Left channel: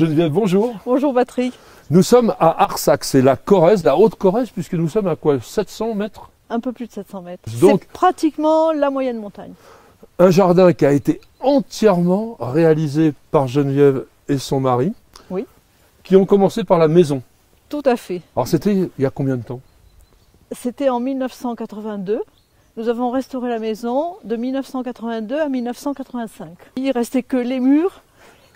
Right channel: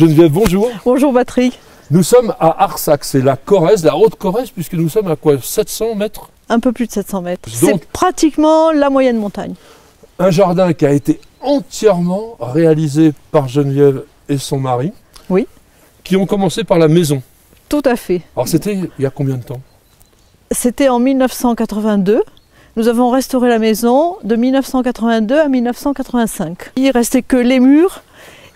Geneviève, bonjour. Bonjour Patrick. Nous sommes à Arsac, c'est la Corrèze, la Haute-Corrèze, puisque nous sommes à quoi, 700 mètres? Un peu plus de 700 mètres. Donc, c'est pratiquement la moyenne montagne. Un jardin qui a été entièrement réalisé par Geneviève et son mari. Oui. Qui ont commencé par la maison. Tout à fait. Alors c'était il y a combien de temps? C'était en 1982. Nous avons restauré la maison de 1982 à 1985. Il ne restait que les murs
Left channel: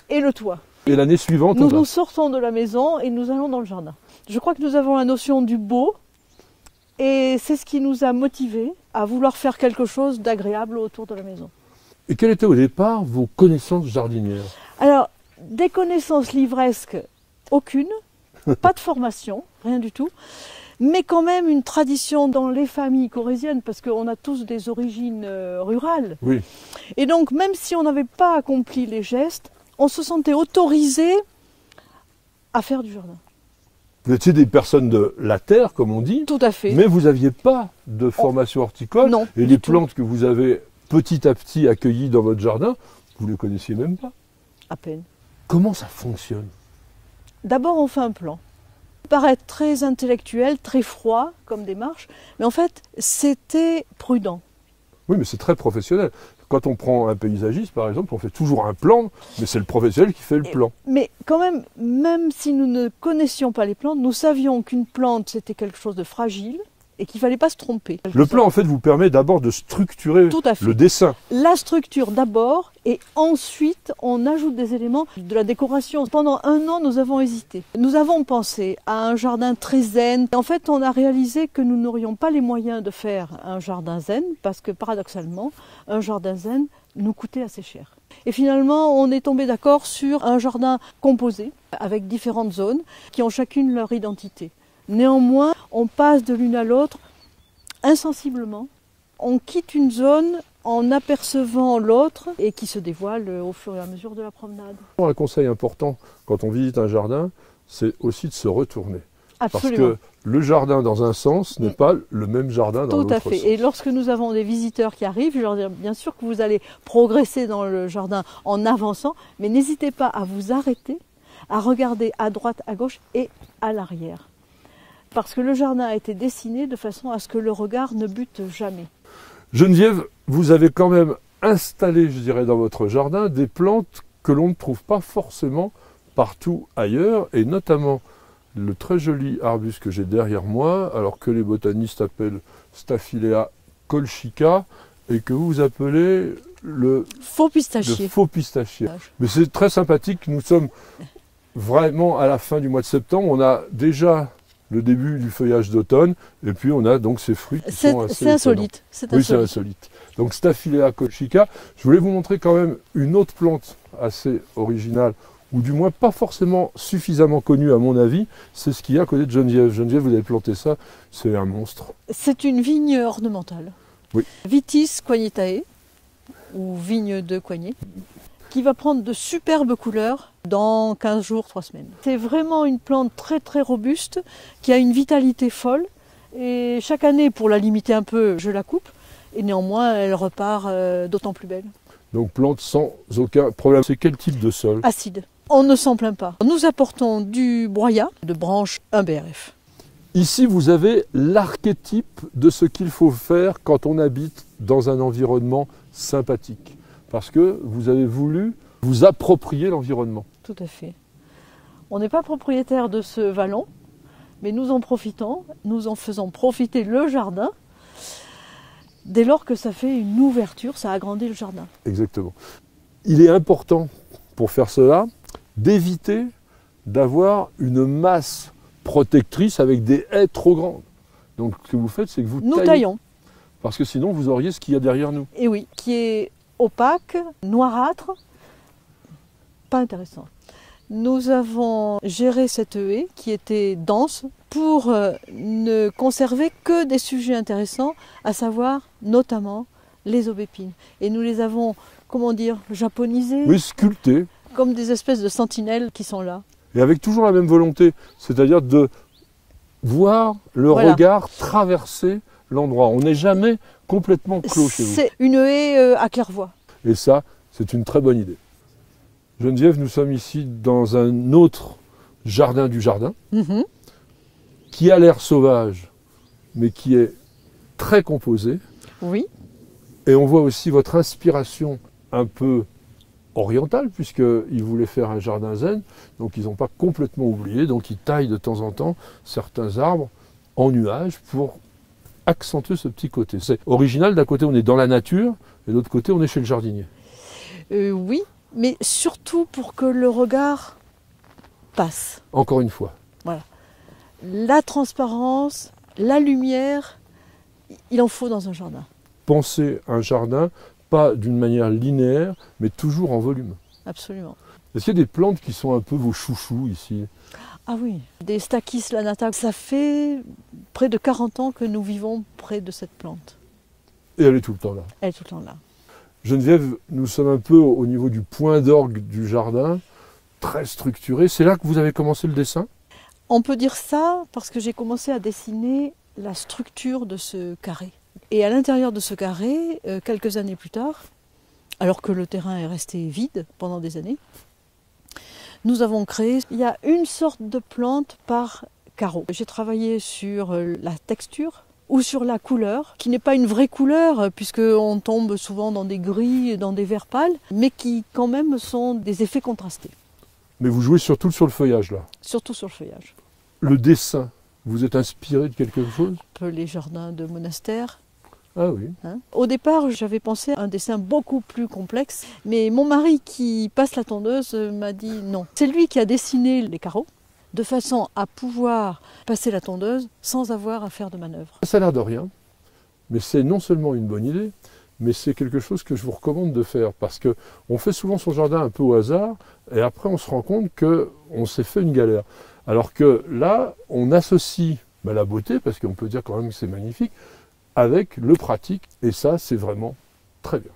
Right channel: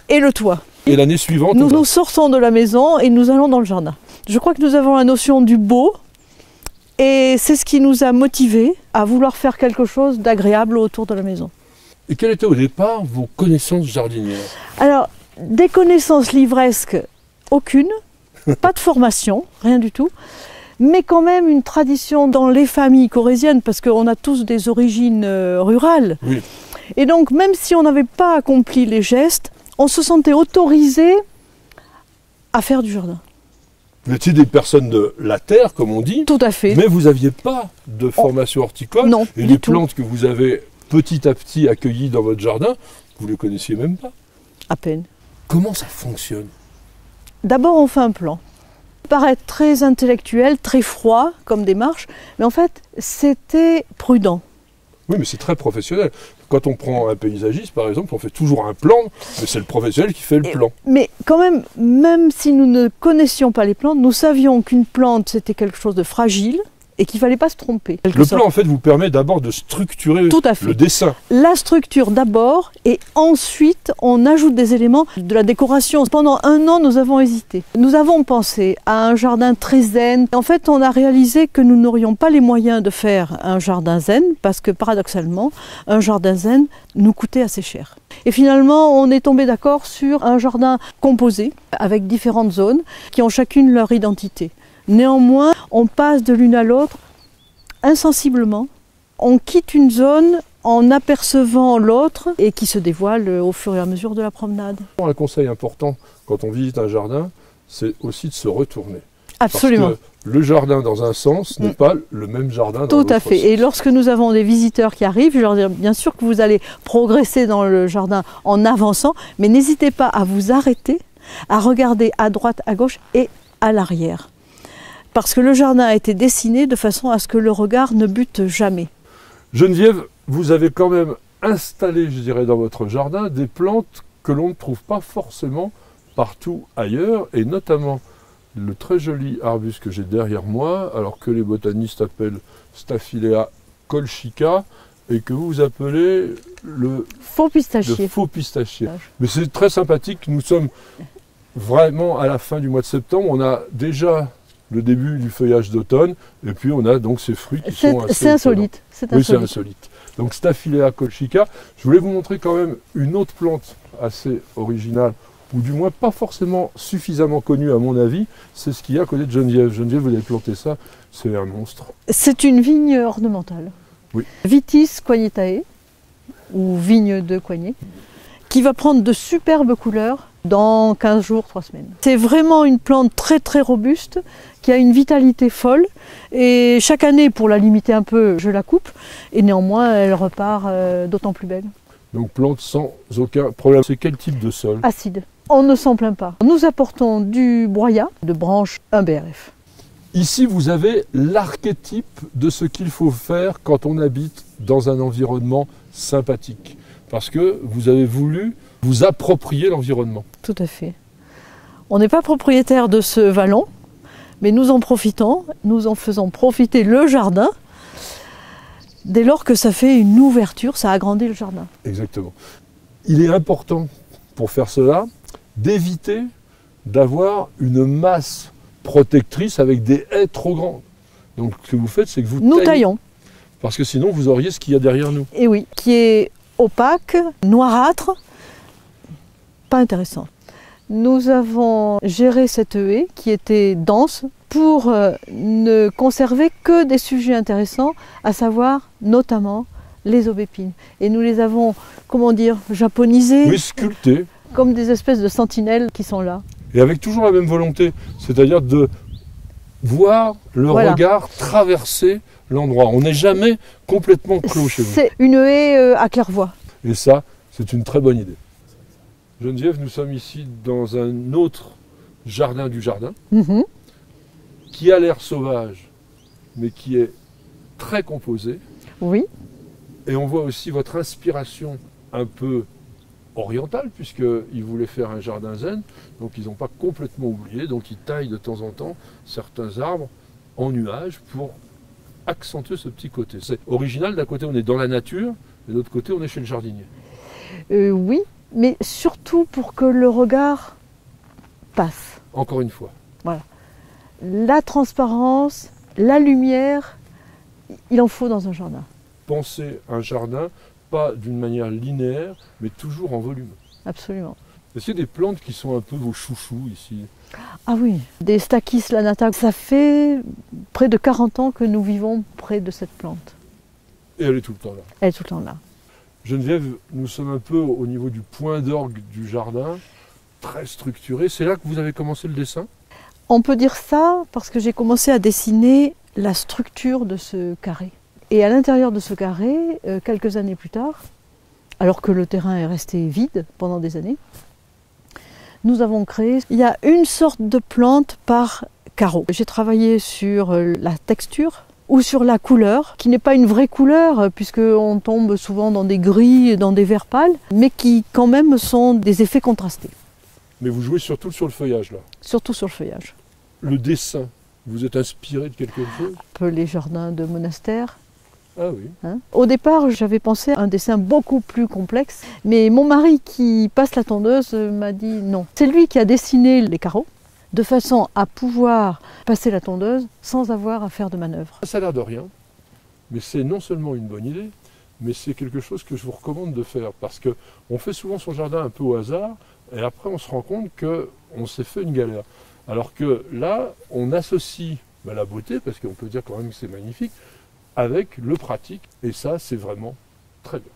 et le toit. Et l'année suivante, nous sortons de la maison et nous allons dans le jardin. Je crois que nous avons la notion du beau et c'est ce qui nous a motivés à vouloir faire quelque chose d'agréable autour de la maison. Et quelles étaient au départ vos connaissances jardinières? Alors, des connaissances livresques, aucune, pas de formation, rien du tout, mais quand même une tradition dans les familles corréziennes, parce qu'on a tous des origines rurales. Oui. Et donc, même si on n'avait pas accompli les gestes, on se sentait autorisé à faire du jardin. Vous étiez des personnes de la terre, comme on dit. Tout à fait. Mais vous n'aviez pas de formation horticole. Non, et les plantes que vous avez petit à petit accueillies dans votre jardin, vous ne les connaissiez même pas. À peine. Comment ça fonctionne? D'abord, on fait un plan. Ça paraît très intellectuel, très froid comme démarche, mais en fait, c'était prudent. Oui, mais c'est très professionnel. Quand on prend un paysagiste, par exemple, on fait toujours un plan, mais c'est le professionnel qui fait le plan. Mais quand même si nous ne connaissions pas les plantes, nous savions qu'une plante, c'était quelque chose de fragile et qu'il ne fallait pas se tromper. Le plan, en fait, vous permet d'abord de structurer le dessin. La structure d'abord, et ensuite, on ajoute des éléments de la décoration. Pendant un an, nous avons hésité. Nous avons pensé à un jardin très zen. En fait, on a réalisé que nous n'aurions pas les moyens de faire un jardin zen, parce que paradoxalement, un jardin zen nous coûtait assez cher. Et finalement, on est tombé d'accord sur un jardin composé, avec différentes zones, qui ont chacune leur identité. Néanmoins, on passe de l'une à l'autre insensiblement. On quitte une zone en apercevant l'autre et qui se dévoile au fur et à mesure de la promenade. Un conseil important quand on visite un jardin, c'est aussi de se retourner. Absolument. Parce que le jardin dans un sens n'est pas le même jardin dans l'autre sens. Tout à fait. Et lorsque nous avons des visiteurs qui arrivent, je leur dis bien sûr que vous allez progresser dans le jardin en avançant, mais n'hésitez pas à vous arrêter, à regarder à droite, à gauche et à l'arrière. Parce que le jardin a été dessiné de façon à ce que le regard ne bute jamais. Geneviève, vous avez quand même installé, je dirais, dans votre jardin, des plantes que l'on ne trouve pas forcément partout ailleurs, et notamment le très joli arbuste que j'ai derrière moi, alors que les botanistes appellent Staphylea colchica, et que vous appelez le faux pistachier. Le faux pistachier. Mais c'est très sympathique, nous sommes vraiment à la fin du mois de septembre, on a déjà le début du feuillage d'automne, et puis on a donc ces fruits qui sont assez C'est insolite. Oui, c'est insolite. Donc Staphylea colchica. Je voulais vous montrer quand même une autre plante assez originale, ou du moins pas forcément suffisamment connue à mon avis, c'est ce qu'il y a à côté de Geneviève. Geneviève, vous avez planté ça, c'est un monstre. C'est une vigne ornementale. Oui. Vitis coignitae, ou vigne de Coignet, qui va prendre de superbes couleurs dans 15 jours, 3 semaines. C'est vraiment une plante très très robuste, qui a une vitalité folle, et chaque année, pour la limiter un peu, je la coupe, et néanmoins elle repart d'autant plus belle. Donc plante sans aucun problème. C'est quel type de sol? Acide. On ne s'en plaint pas. Nous apportons du broyat, de branche 1 BRF. Ici, vous avez l'archétype de ce qu'il faut faire quand on habite dans un environnement sympathique. Parce que vous avez voulu vous approprier l'environnement. Tout à fait. On n'est pas propriétaire de ce vallon, mais nous en profitons, nous en faisons profiter le jardin. Dès lors que ça fait une ouverture, ça agrandit le jardin. Exactement. Il est important, pour faire cela, d'éviter d'avoir une masse protectrice avec des haies trop grandes. Donc ce que vous faites, c'est que vous taillons. Parce que sinon, vous auriez ce qu'il y a derrière nous. Et oui, qui est opaque, noirâtre, pas intéressant. Nous avons géré cette haie qui était dense pour ne conserver que des sujets intéressants, à savoir notamment les aubépines. Et nous les avons, comment dire, japonisés. Oui, sculptés. Comme des espèces de sentinelles qui sont là. Et avec toujours la même volonté, c'est-à-dire de voir le regard traverser l'endroit. On n'est jamais complètement clos chez vous. C'est une haie à claire-voie. Et ça, c'est une très bonne idée. Geneviève, nous sommes ici dans un autre jardin du jardin, qui a l'air sauvage, mais qui est très composé. Oui. Et on voit aussi votre inspiration un peu orientale, puisqu'ils voulaient faire un jardin zen, donc ils n'ont pas complètement oublié, donc ils taillent de temps en temps certains arbres en nuages pour accentuer ce petit côté. C'est original, d'un côté on est dans la nature, et de l'autre côté on est chez le jardinier. Oui, mais surtout pour que le regard passe. Encore une fois. Voilà. La transparence, la lumière, il en faut dans un jardin. Pensez un jardin, pas d'une manière linéaire, mais toujours en volume. Absolument. Est-ce qu'il y a des plantes qui sont un peu vos chouchous ici? Ah oui, des Stachys lanata. Ça fait près de 40 ans que nous vivons près de cette plante. Et elle est tout le temps là. Elle est tout le temps là. Geneviève, nous sommes un peu au niveau du point d'orgue du jardin, très structuré. C'est là que vous avez commencé le dessin? On peut dire ça parce que j'ai commencé à dessiner la structure de ce carré. Et à l'intérieur de ce carré, quelques années plus tard, alors que le terrain est resté vide pendant des années, nous avons créé, il y a une sorte de plante par carreau. J'ai travaillé sur la texture ou sur la couleur, qui n'est pas une vraie couleur, puisqu'on tombe souvent dans des gris, dans des verts pâles, mais qui quand même sont des effets contrastés. Mais vous jouez surtout sur le feuillage là. Surtout sur le feuillage. Le dessin, vous êtes inspiré de quelque chose? Un peu les jardins de monastères. Ah oui. Au départ, j'avais pensé à un dessin beaucoup plus complexe, mais mon mari qui passe la tondeuse m'a dit non. C'est lui qui a dessiné les carreaux, de façon à pouvoir passer la tondeuse sans avoir à faire de manœuvre. Ça a l'air de rien, mais c'est non seulement une bonne idée, mais c'est quelque chose que je vous recommande de faire, parce qu'on fait souvent son jardin un peu au hasard, et après on se rend compte qu'on s'est fait une galère. Alors que là, on associe la beauté, parce qu'on peut dire quand même que c'est magnifique, avec le pratique, et ça c'est vraiment très bien.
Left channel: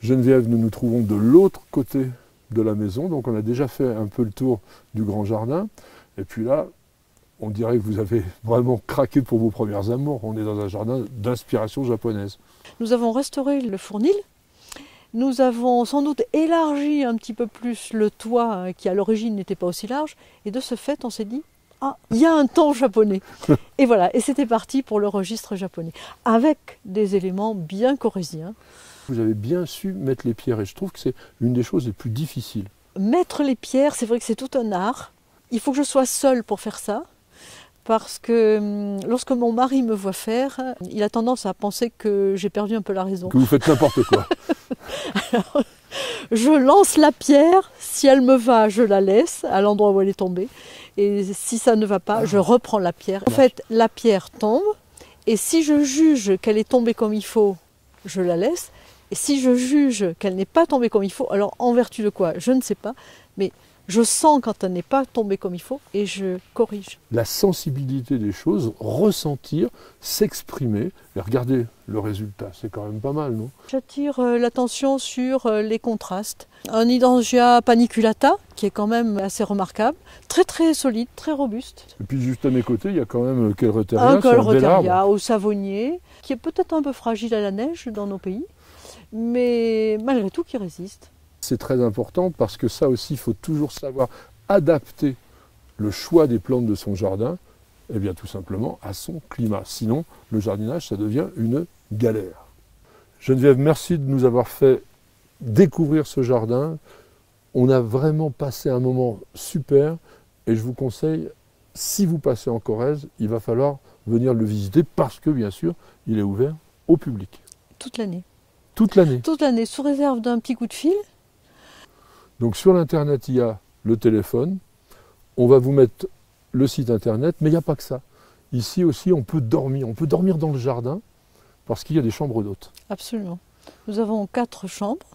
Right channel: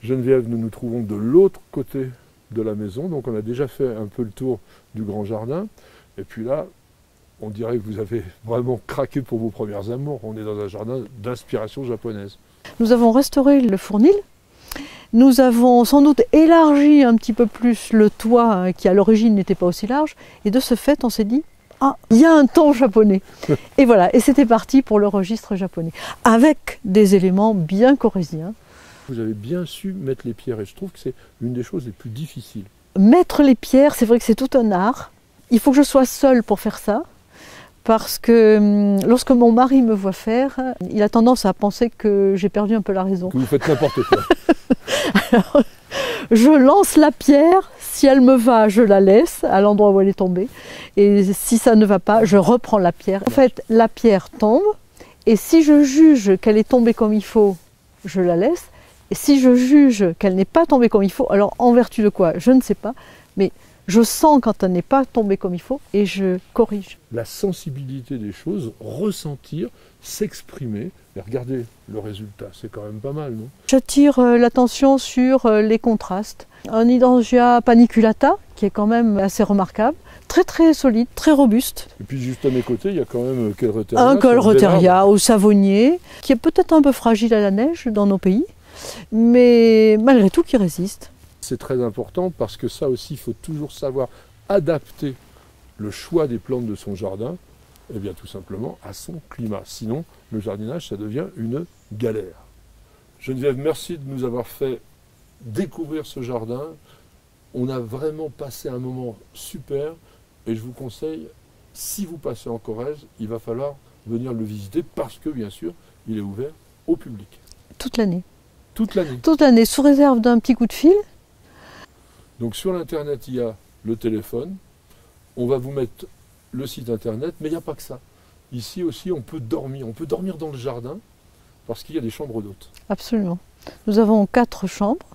Geneviève, nous nous trouvons de l'autre côté de la maison, donc on a déjà fait un peu le tour du grand jardin, et puis là, on dirait que vous avez vraiment craqué pour vos premières amours. On est dans un jardin d'inspiration japonaise. Nous avons restauré le fournil, nous avons sans doute élargi un petit peu plus le toit qui à l'origine n'était pas aussi large, et de ce fait on s'est dit ah, il y a un ton japonais. Et voilà, et c'était parti pour le registre japonais, avec des éléments bien corréziens. Vous avez bien su mettre les pierres, et je trouve que c'est une des choses les plus difficiles. Mettre les pierres, c'est vrai que c'est tout un art. Il faut que je sois seule pour faire ça, parce que lorsque mon mari me voit faire, il a tendance à penser que j'ai perdu un peu la raison. Que vous faites n'importe quoi. Alors, je lance la pierre, si elle me va, je la laisse à l'endroit où elle est tombée. Et si ça ne va pas, je reprends la pierre. En fait, la pierre tombe, et si je juge qu'elle est tombée comme il faut, je la laisse. Et si je juge qu'elle n'est pas tombée comme il faut, alors en vertu de quoi, je ne sais pas, mais je sens quand elle n'est pas tombée comme il faut et je corrige. La sensibilité des choses, ressentir, s'exprimer. Regardez le résultat, c'est quand même pas mal, non? J'attire l'attention sur les contrastes. Un hydrangea paniculata, qui est quand même assez remarquable, très très solide, très robuste. Et puis juste à mes côtés, il y a quand même Koelreuteria. Un Koelreuteria au savonnier, qui est peut-être un peu fragile à la neige dans nos pays, mais malgré tout qui résiste. C'est très important parce que ça aussi, il faut toujours savoir adapter le choix des plantes de son jardin, eh bien tout simplement à son climat. Sinon, le jardinage, ça devient une galère. Geneviève, merci de nous avoir fait découvrir ce jardin. On a vraiment passé un moment super et je vous conseille, si vous passez en Corrèze, il va falloir venir le visiter parce que, bien sûr, il est ouvert au public. Toute l'année. Toute l'année. Toute l'année, sous réserve d'un petit coup de fil. Donc sur l'internet, il y a le téléphone, on va vous mettre le site internet, mais il n'y a pas que ça. Ici aussi, on peut dormir dans le jardin, parce qu'il y a des chambres d'hôtes. Absolument. Nous avons 4 chambres,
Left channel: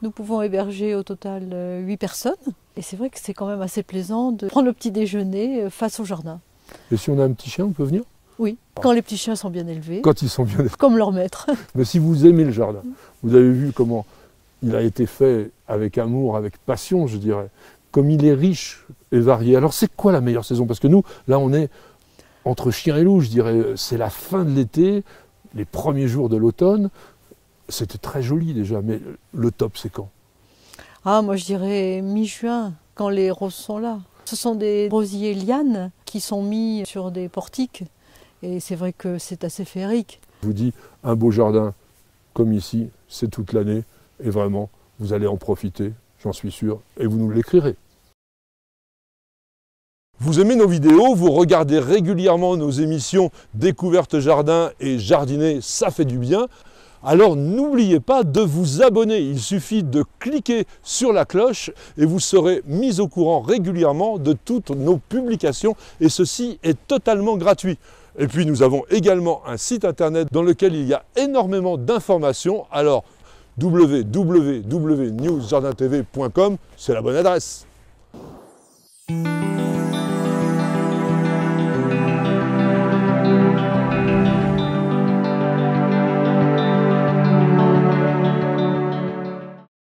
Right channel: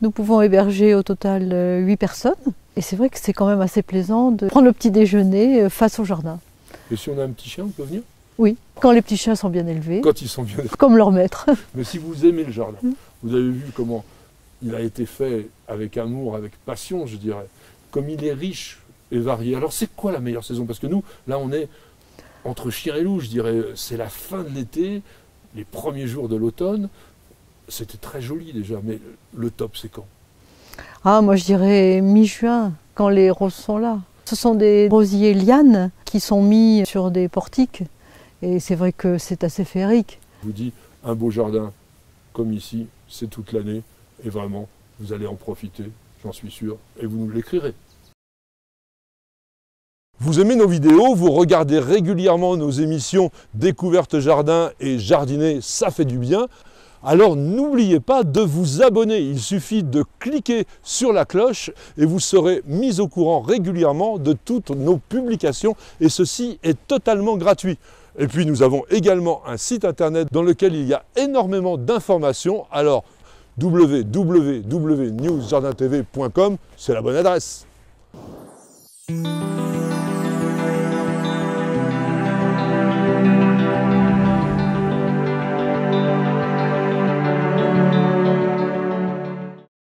nous pouvons héberger au total 8 personnes, et c'est vrai que c'est quand même assez plaisant de prendre le petit déjeuner face au jardin. Et si on a un petit chien, on peut venir? Oui, quand les petits chiens sont bien élevés. Quand ils sont bien élevés. Comme leur maître. Mais si vous aimez le jardin, vous avez vu comment il a été fait avec amour, avec passion, je dirais. Comme il est riche et varié. Alors c'est quoi la meilleure saison? Parce que nous, là, on est entre chien et loup, je dirais. C'est la fin de l'été, les premiers jours de l'automne. C'était très joli déjà, mais le top, c'est quand? Ah, moi je dirais mi-juin, quand les roses sont là. Ce sont des rosiers lianes qui sont mis sur des portiques. Et c'est vrai que c'est assez féerique. Je vous dis, un beau jardin comme ici, c'est toute l'année. Et vraiment, vous allez en profiter, j'en suis sûr. Et vous nous l'écrirez. Vous aimez nos vidéos, vous regardez régulièrement nos émissions Découverte Jardin et Jardiner, ça fait du bien. Alors n'oubliez pas de vous abonner, il suffit de cliquer sur la cloche et vous serez mis au courant régulièrement de toutes nos publications et ceci est totalement gratuit. Et puis nous avons également un site internet dans lequel il y a énormément d'informations, alors www.newsjardintv.com, c'est la bonne adresse.